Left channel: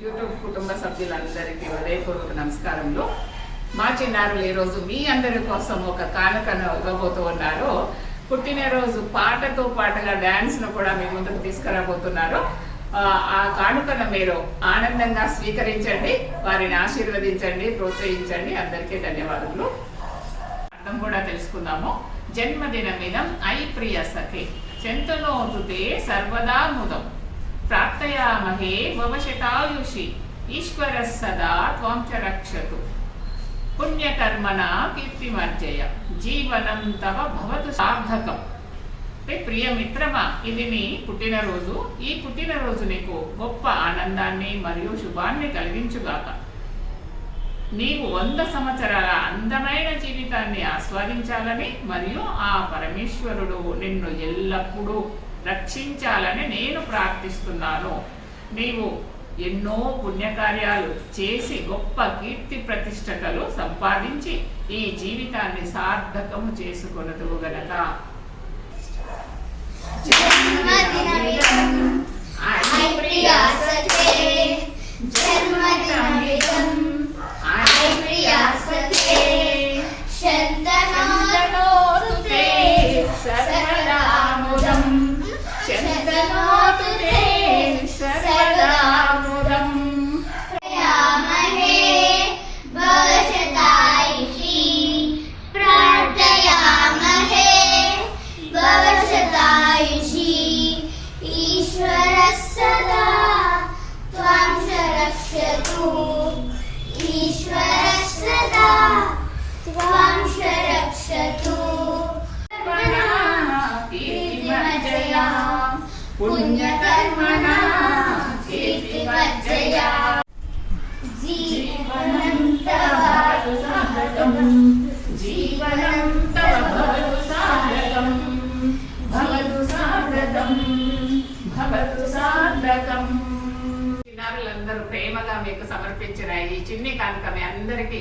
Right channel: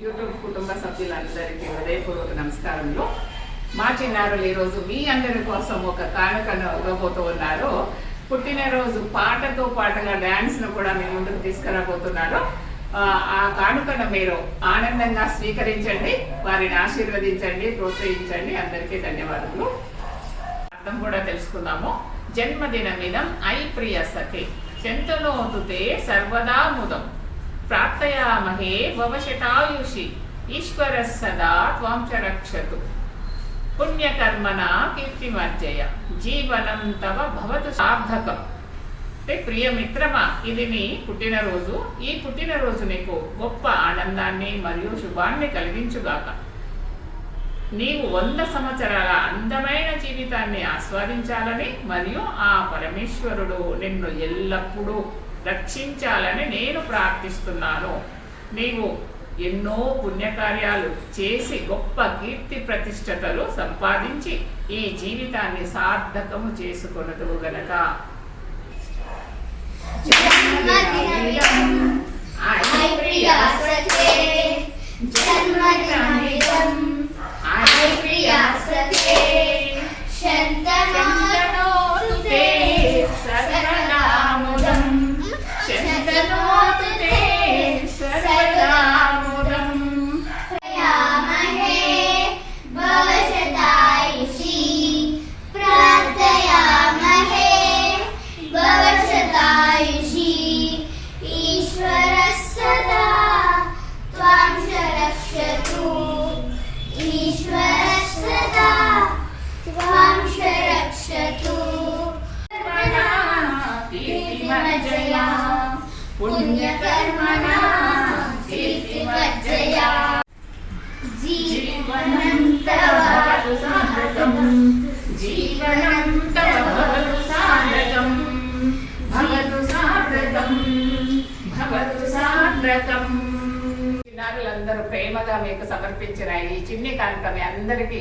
YouTube కుటుంబ సభ్యులందరికీ హృదయపూర్వక నమస్కారములు. మా చిన్నారులు ఈరోజు మీ అందరి కోసం ఒక కానుకను ఇవ్వబోతూ ఉన్నారు. పుట్టినరోజు పాటతో పాటుగా డాన్స్ ను కూడా మీ ముందుకు తీసుకురాబోతున్నారు. ఆ కానుకను మీరు ఆనందంగా స్వీకరించండి, వారిని ఆశీర్వదించండి, ప్రోత్సహించండి. అందరికీ ధన్యవాదములు. అర్థం కూడా తెలుసుకుందాము. జన్మదినమిదం ఐ ప్రియ సఖే చెంతనోతుతే సర్వదా ముదం ప్రార్థయామహే భవశతాయుషి ఈశ్వర సదా త్వాం చ రక్షతు పుణ్యకర్మణ కీర్తిమర్జయ జీవనం తవ భవతు సార్థకం. అంటే ప్రియమిత్రమా, ఇది నీ పుట్టినరోజు. ఈ పుట్టినరోజు నీకు గొప్ప ఆనందాన్ని మరియు శుభాన్ని కలిగించుగాక. నీవు 100 సంవత్సరాల అందమైన జీవితాన్ని ఆస్వాదించాలని మరియు ఆ పరమేశ్వరుడు నిన్ను ఎల్లప్పుడూ రక్షించాలని నేను ప్రార్థిస్తున్నాను. నీవు ఎన్నో పుణ్యకార్యాలు చేసి గొప్ప కీర్తి ప్రతిష్టతలు సంపాదించి ఈ జీవితాన్ని సార్థకము చేసుకొనదువు గనక పుణ్యకర్మణ కీర్తిమర్జయా జీవనం తవ భవతు సార్థకం జీవనం తవ భవతు సార్థకం భవతు సార్థకం భవతు సార్థకం. చిన్నారులందరూ ప్రేమగా మీకు సమర్పించిన ఈ చిన్ని కానుక మీ అందరికీ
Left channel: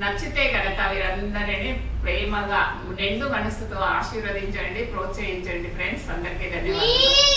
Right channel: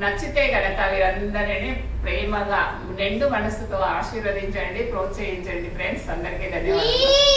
నచ్చితే గనక వీరందరినీ ప్రేమగా నిండు మనసుతో ఆశీర్వదించండి, ప్రోత్సహించండి. ఫ్రెండ్స్ అందరికీ ధన్యవాదాలు.